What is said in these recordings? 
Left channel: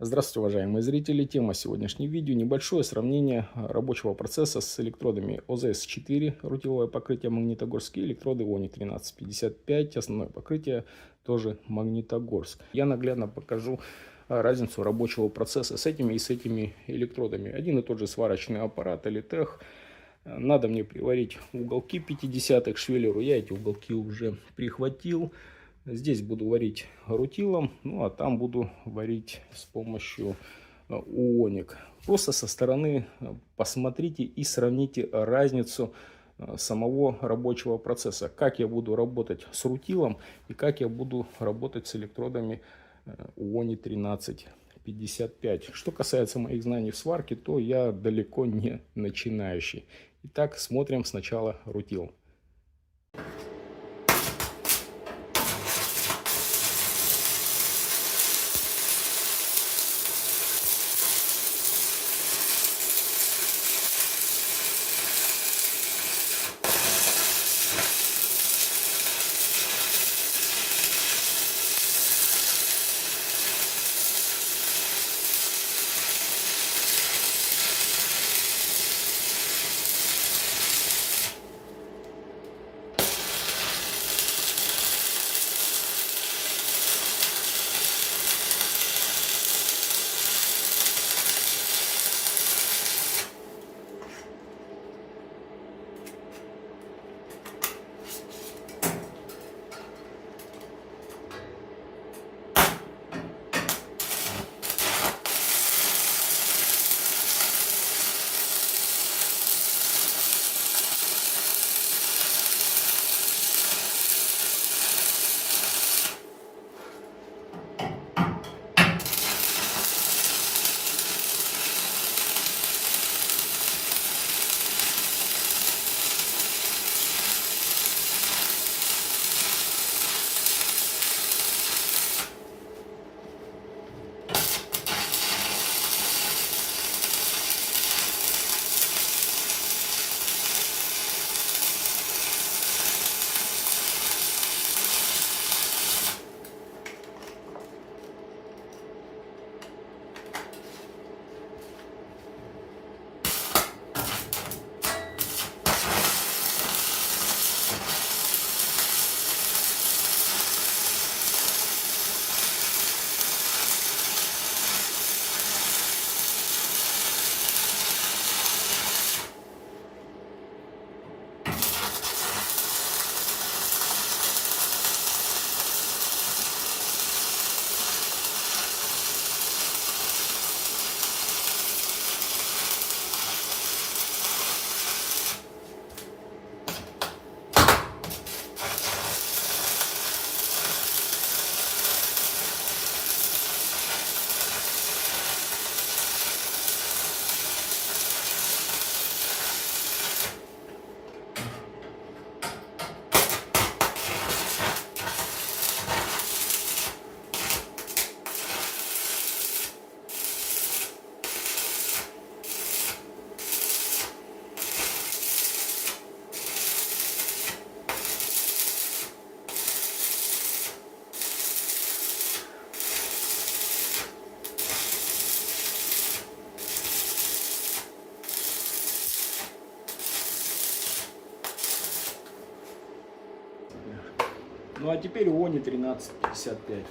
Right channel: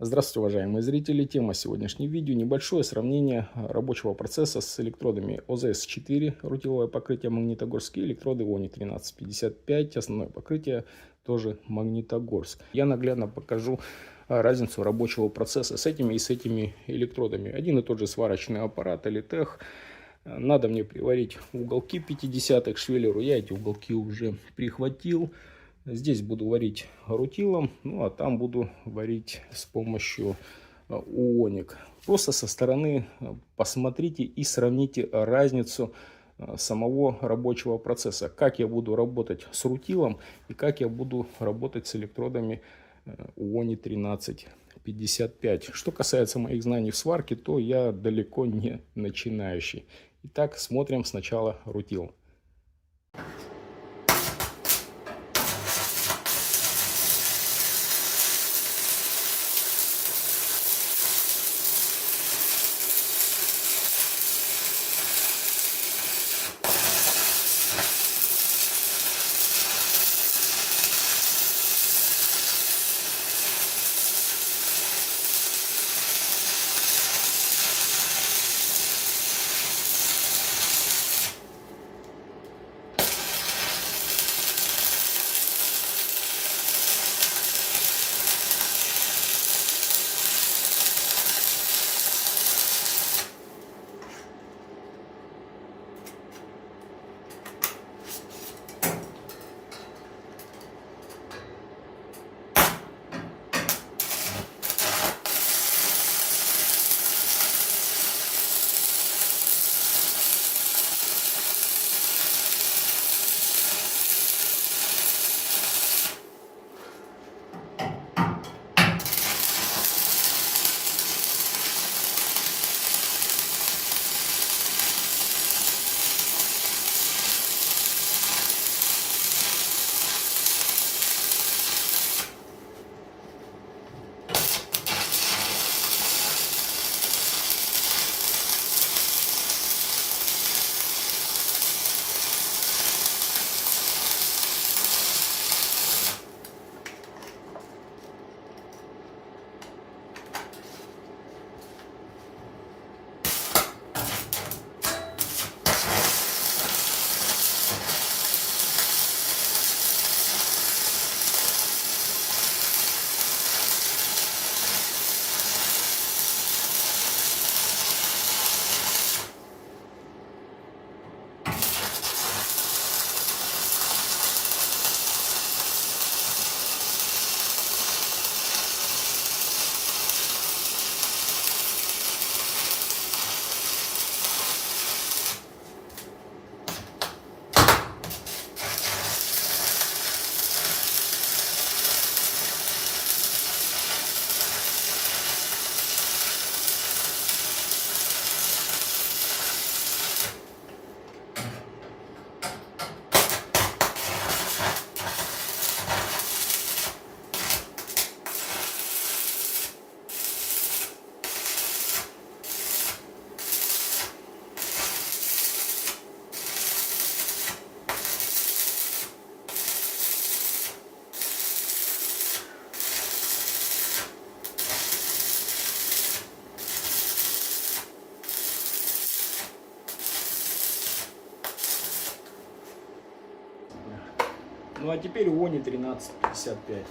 Здравствуйте, уважаемые зрители! Тема сегодняшнего видео – небольшое сравнение рабочего процесса с электродами ОЗС-4, рутиловое покрытие Магнитогорск, и электроды ОНИ 1355, основное покрытие тоже Магнитогорск. Я наглядно покажу разницу рабочего процесса с этими и с этими электродами. Один и тот же сварочный аппарат Элитех. Надо мне приварить уголки 50 к швеллеру. Я эти уголки уже прихватил. Здесь буду варить рутилом, ну а там буду варить с помощью уоник. Просто со стороны посмотрите и сравните разницу самого рабочего процесса. Как я буду работать с рутилом и как я буду работать с электродами УОНИ 1355. Что касается моих знаний в сварке, то я далеко не начинающий. Итак, смотрим сначала рутил. Ну а теперь УОНИ 1355.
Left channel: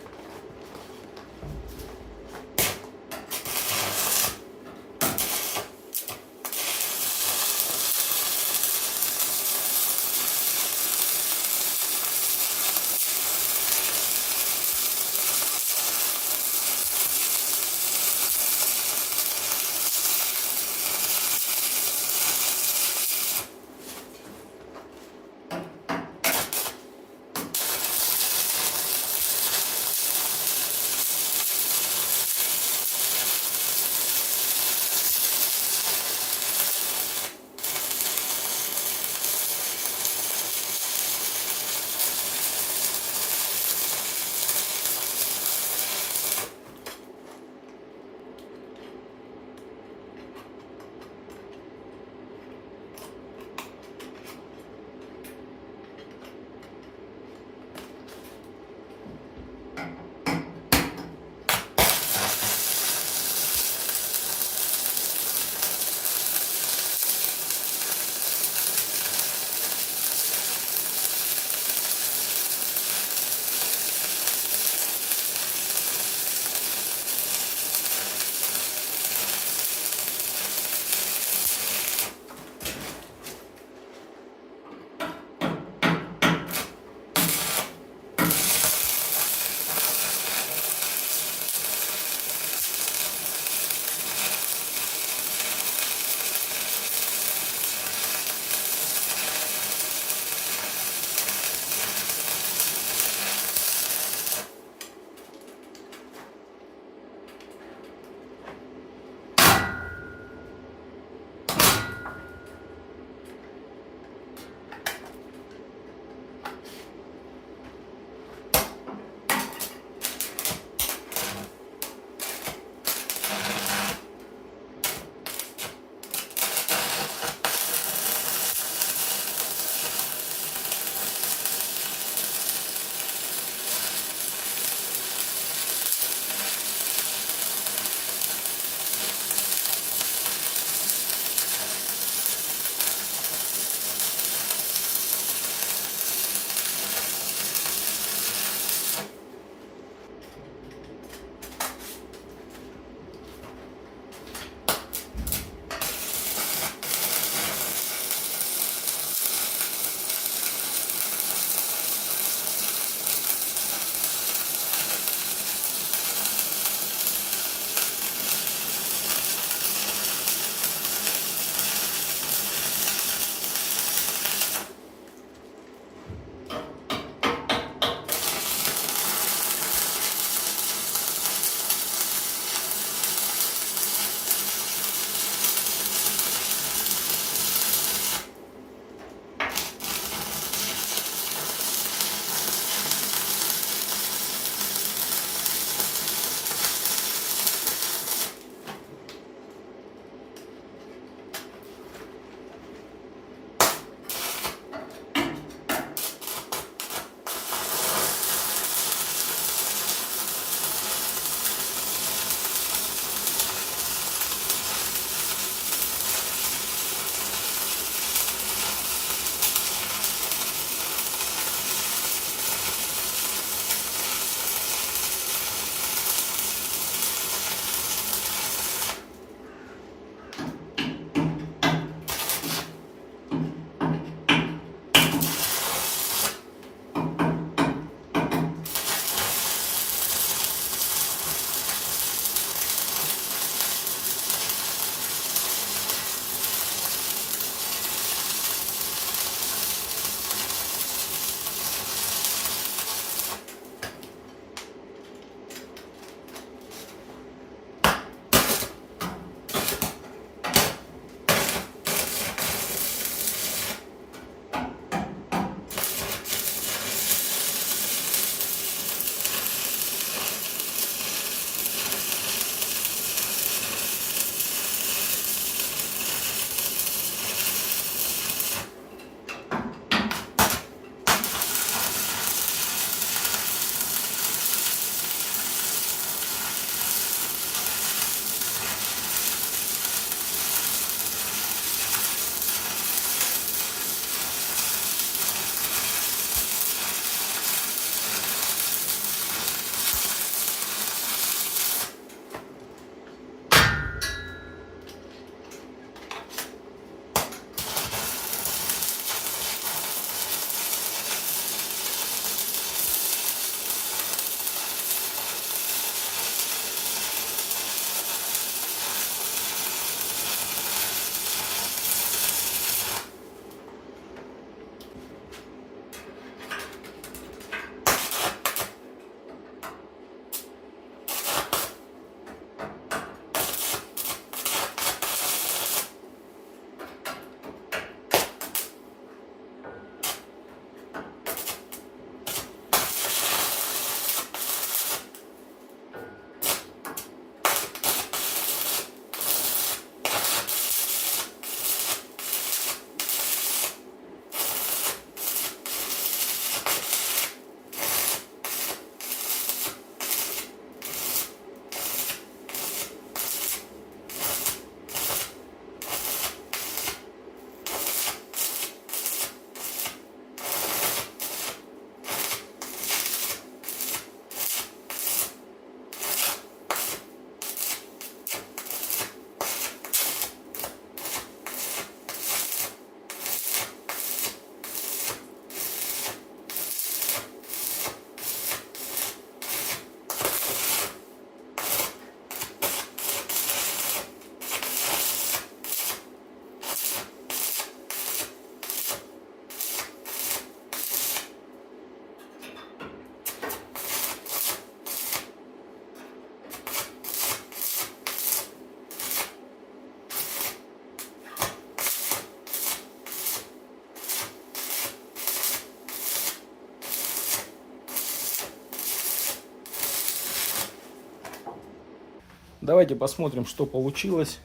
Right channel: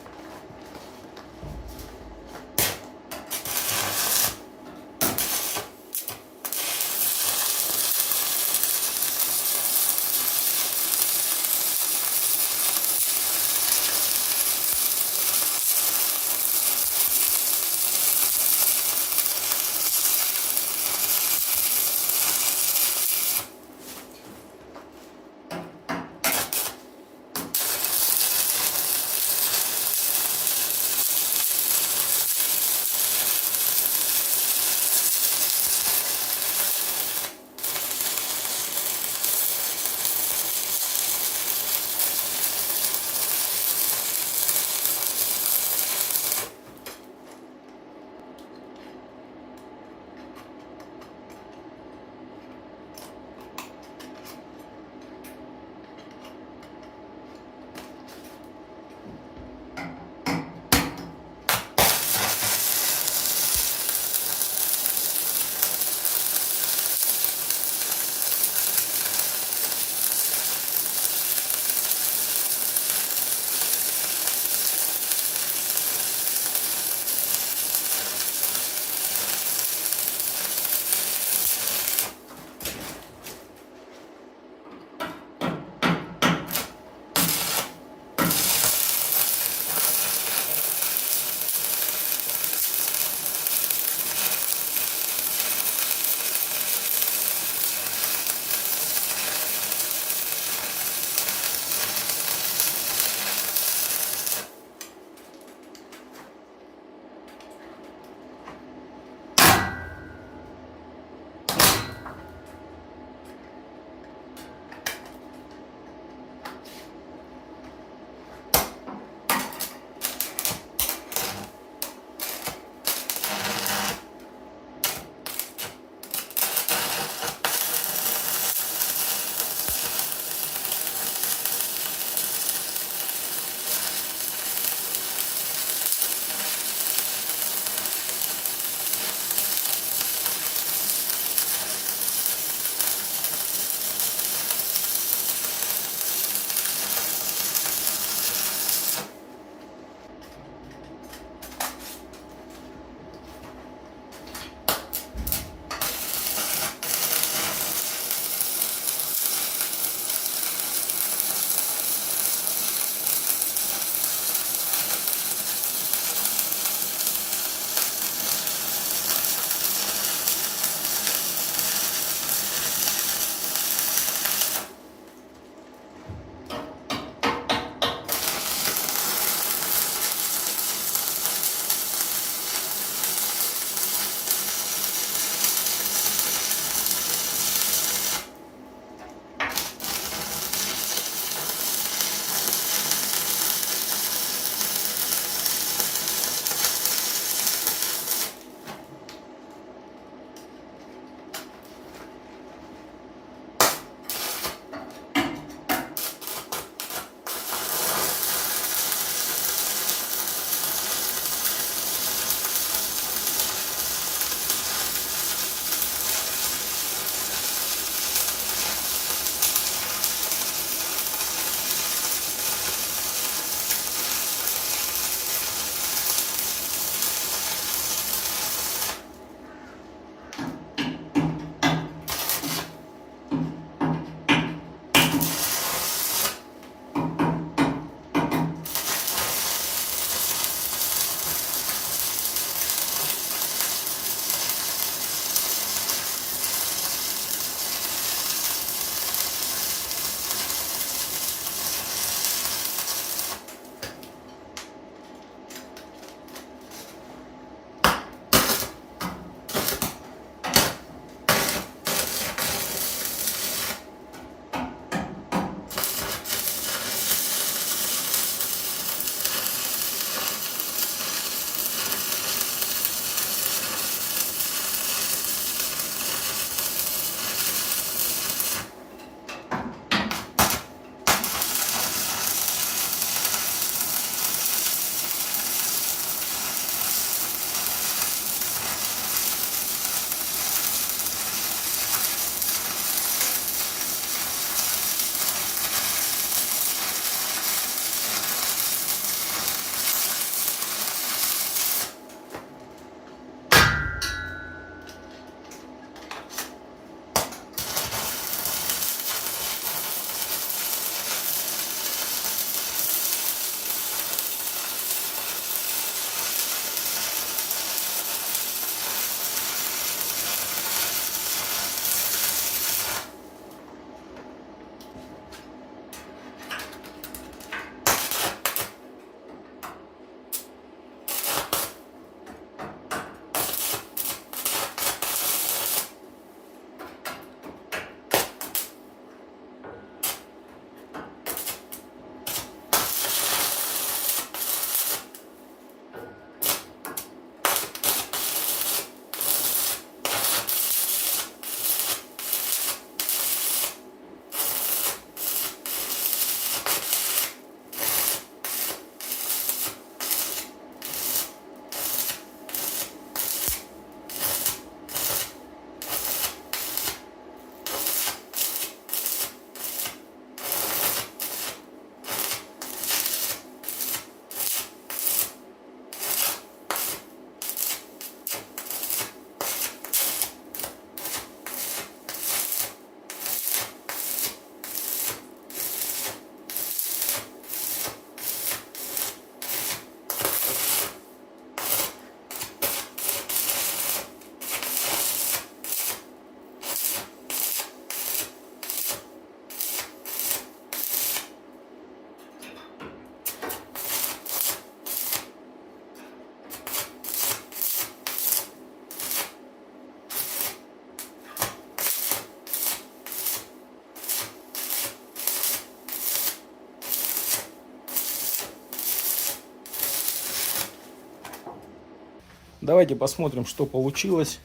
Давайте посмотрим, что получилось.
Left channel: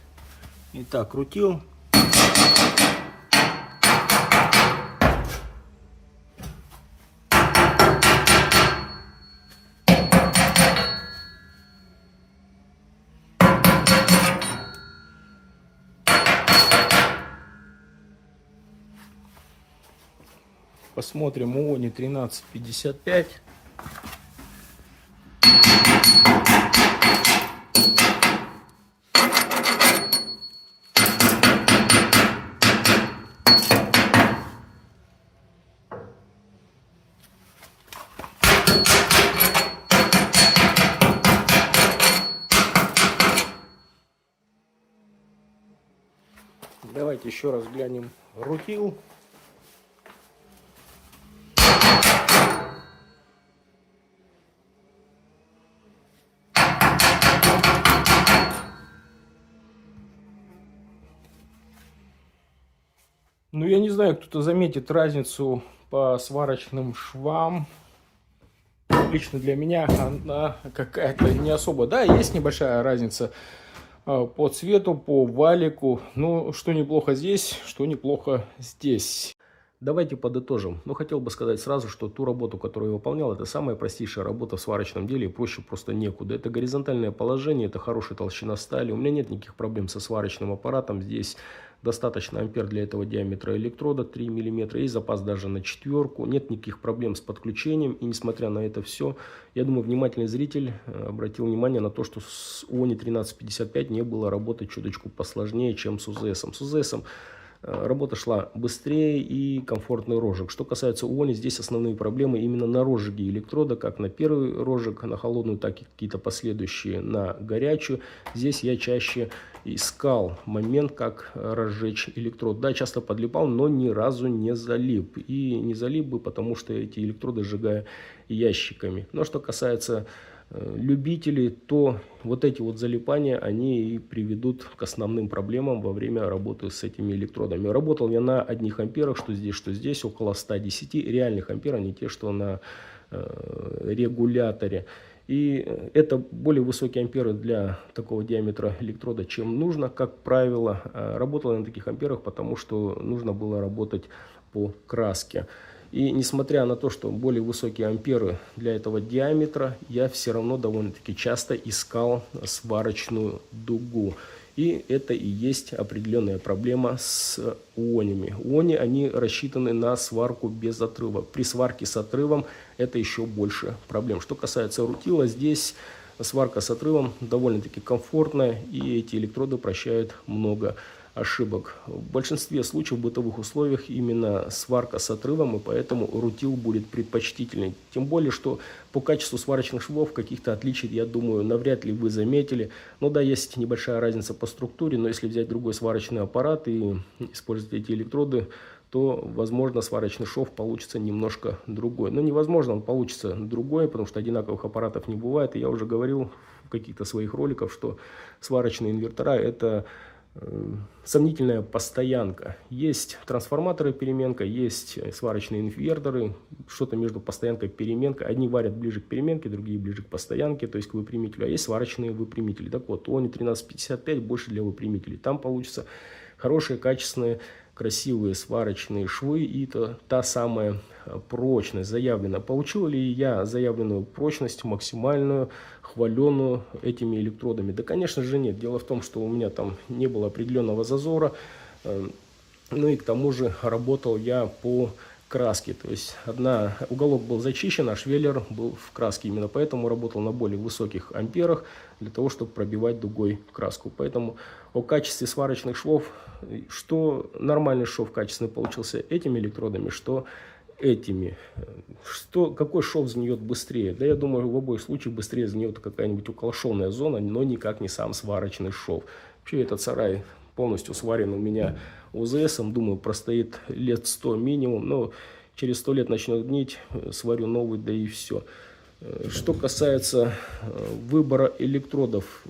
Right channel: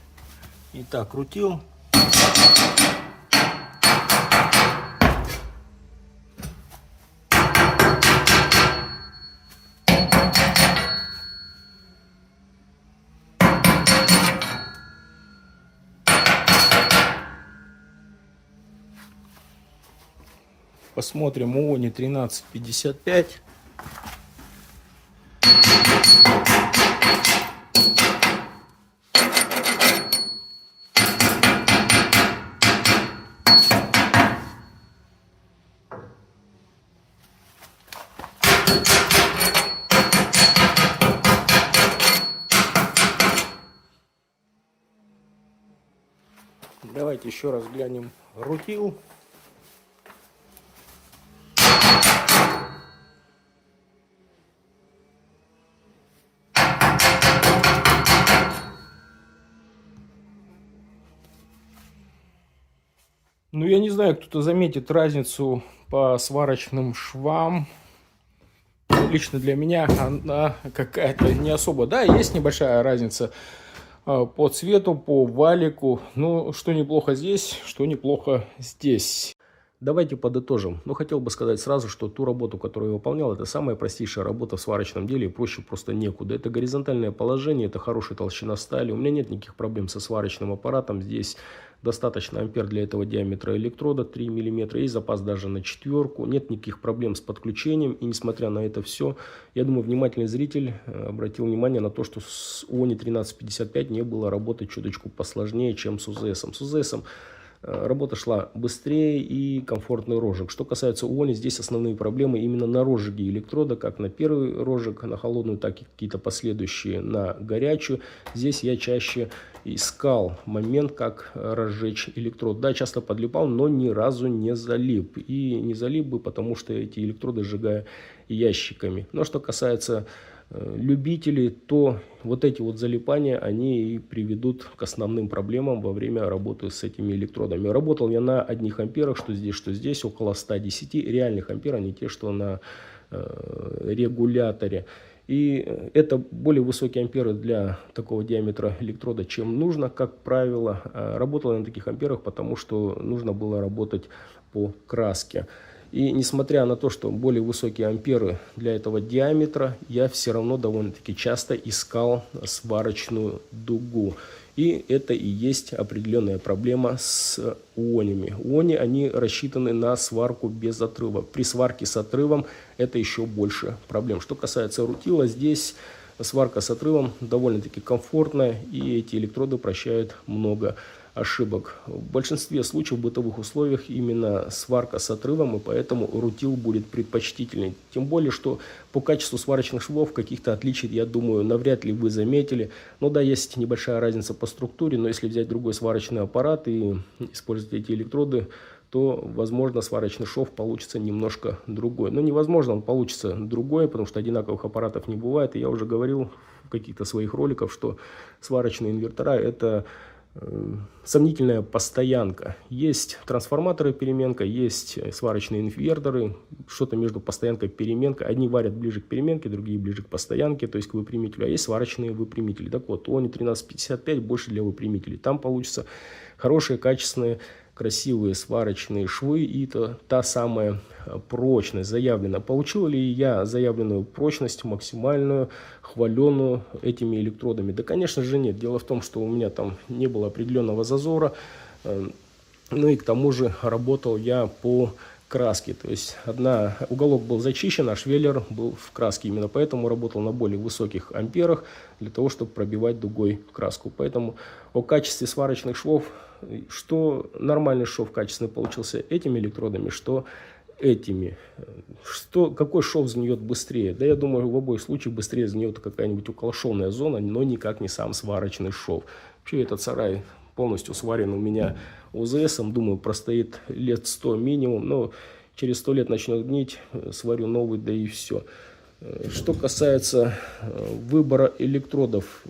Итак, крутил. Посмотрим ООНи 1355. Давайте еще раз глянем рутил. Ну, я не знаю, кто-то заметит разницу по сварочным швам. Лично для меня она какая-то не особо. Да, есть небольшая разница по цвету, по валику. Ну, что неплохо здесь, что неплохо здесь. Давайте подытожим. Но хотел бы сказать сразу, что ту работу, которую я выполнял, это самая простейшая работа в сварочном деле, проще просто некуда. Это горизонтальное положение, это хорошая толщина стали. У меня нет никаких проблем со сварочным аппаратом. Здесь достаточно ампер для этого диаметра электрода 3 мм. Есть запас даже на 4. Нет никаких проблем с подключением. И несмотря на это все, я думаю, внимательный зритель обратил внимание на то, что с ООНи 1355 не было работы чуточку посложнее, чем с УЗСом. С УЗСом работа шла быстрее и комфортный розжиг. Что касается ООНи, здесь основные проблемы именно на розжиге электрода, как на первый розжиг, на холодную, так и какие-то последующие на горячую. Здесь я чаще искал момент, как разжечь электрод. Да, часто подлипал, но ни разу не залип. И не залип бы, потому что эти электроды сжигаю ящиками. Но что касается любителей, то вот эти вот залипания, они и приведут к основным проблемам во время работы с этими электродами. Работал я на одних амперах, что здесь, около 110 реальных ампер, а не те, что на регуляторе. И это более высокие амперы для такого диаметра электрода, чем нужно, как правило. Работал я на таких амперах, потому что нужно было работать по краске. И несмотря на то, что более высокие амперы для этого диаметра, я все равно довольно-таки часто искал сварочную дугу. И это и есть определенная проблема с ООНями. ООНи, они рассчитаны на сварку без отрыва. При сварке с отрывом это еще больше проблем. Что касается рутила, здесь сварка с отрывом довольно-таки комфортная, и эти электроды прощают много ошибок. В большинстве случаев в бытовых условиях именно сварка с отрывом, и поэтому рутил будет предпочтительней. Тем более, что по качеству сварочных швов каких-то отличий, я думаю, навряд ли вы заметили. Ну да, есть небольшая разница по структуре, но если взять другой сварочный аппарат и использовать эти электроды, то, возможно, сварочный шов получится немножко другой. Но невозможно, он получится другой, потому что одинаковых аппаратов не бывает. И я уже говорил в каких-то своих роликах, что сварочные инвертора – это сомнительная постоянка. Есть трансформаторы переменка, есть сварочные инверторы, что-то между постоянкой и переменкой. Одни варят ближе к переменке, другие ближе к постоянке, то есть к выпрямителю. А есть сварочные выпрямители. Так вот, ООНи 1355 больше для выпрямителей. Там получится хорошие, качественные, красивые сварочные швы и та самая прочность заявлена. Получил ли я заявленную прочность максимальную, хваленную этими электродами? Да, конечно же, нет. Дело в том, что у меня там не было определенного зазора. Ну и к тому же работал я по краске. То есть уголок был зачищен, а швеллер был в краске. Именно поэтому работал на более высоких амперах, для того, чтобы пробивать дугой краску. Поэтому о качестве сварочных швов, что нормальный шов качественный получился этими электродами, что этими. Какой шов сгниет быстрее? Да, я думаю, в обоих случаях быстрее сгниет какая-нибудь околошовная зона, но никак не сам сварочный шов. Вообще этот сарай полностью сварен у меня УЗСом. Думаю, простоит лет 100 минимум. Но через 100 лет начнет гнить, сварю новый, да и все. Что касается выбора электродов.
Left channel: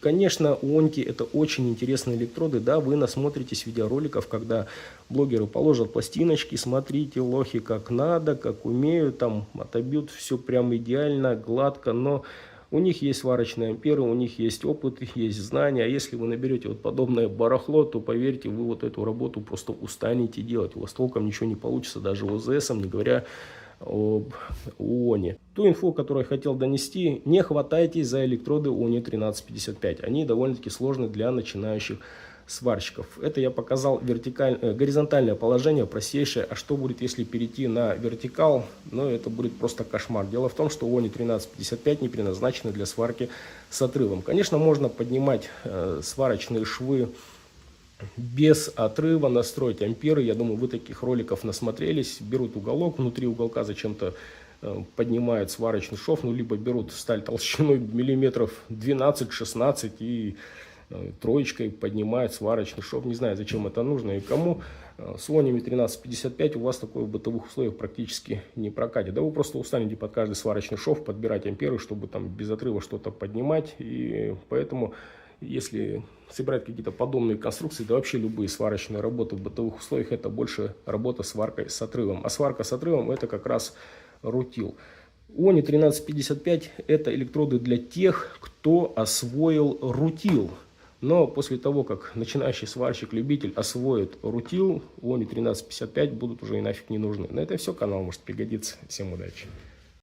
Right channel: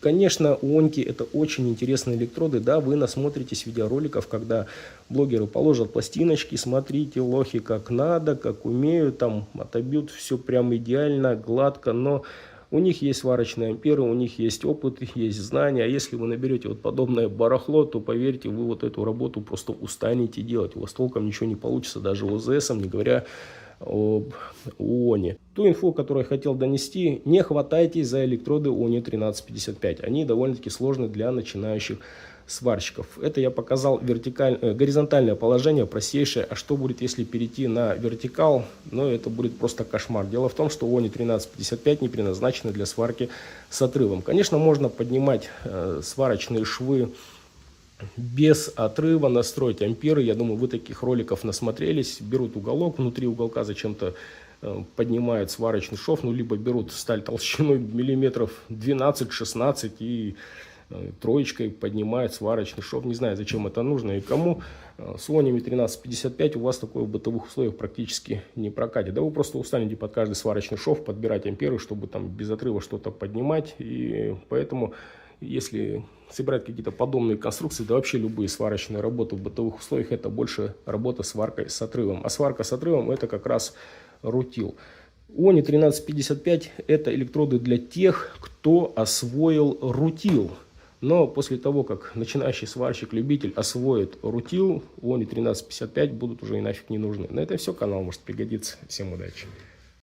Конечно, ООНки это очень интересные электроды. Да, вы насмотритесь видеороликов, когда блогеры положат пластиночки, смотрите, лохи, как надо, как умеют, там отобьют все прям идеально, гладко. Но У них есть сварочные амперы, у них есть опыт, есть знания. А если вы наберете вот подобное барахло, то поверьте, вы вот эту работу просто устанете делать. У вас толком ничего не получится, даже ОЗС, не говоря об ООНе. Ту инфу, которую я хотел донести: не хватайтесь за электроды ОНИ 1355. Они довольно-таки сложны для начинающих сварщиков. Это я показал горизонтальное положение, простейшее. А что будет, если перейти на вертикал? Ну, это будет просто кошмар. Дело в том, что ОНИ 1355 не предназначены для сварки с отрывом. Конечно, можно поднимать сварочные швы без отрыва, настроить амперы. Я думаю, вы таких роликов насмотрелись. Берут уголок, внутри уголка зачем-то поднимают сварочный шов, ну, либо берут сталь толщиной миллиметров 12-16 и троечкой поднимает сварочный шов. Не знаю, зачем это нужно и кому. С ОНИ 1355 у вас такое в бытовых условиях практически не прокатит. Да вы просто устанете под каждый сварочный шов подбирать амперы, чтобы там без отрыва что-то поднимать. И поэтому, если собирать какие-то подобные конструкции, да вообще любые сварочные работы в бытовых условиях, это больше работа сваркой с отрывом. А сварка с отрывом — это как раз рутил. ОНИ 1355 это электроды для тех, кто освоил рутил. Но после того, как начинающий сварщик-любитель освоит рутил, ОНИ 1355 будут уже и нафиг не нужны. На этом все. Канал может пригодиться. Всем удачи.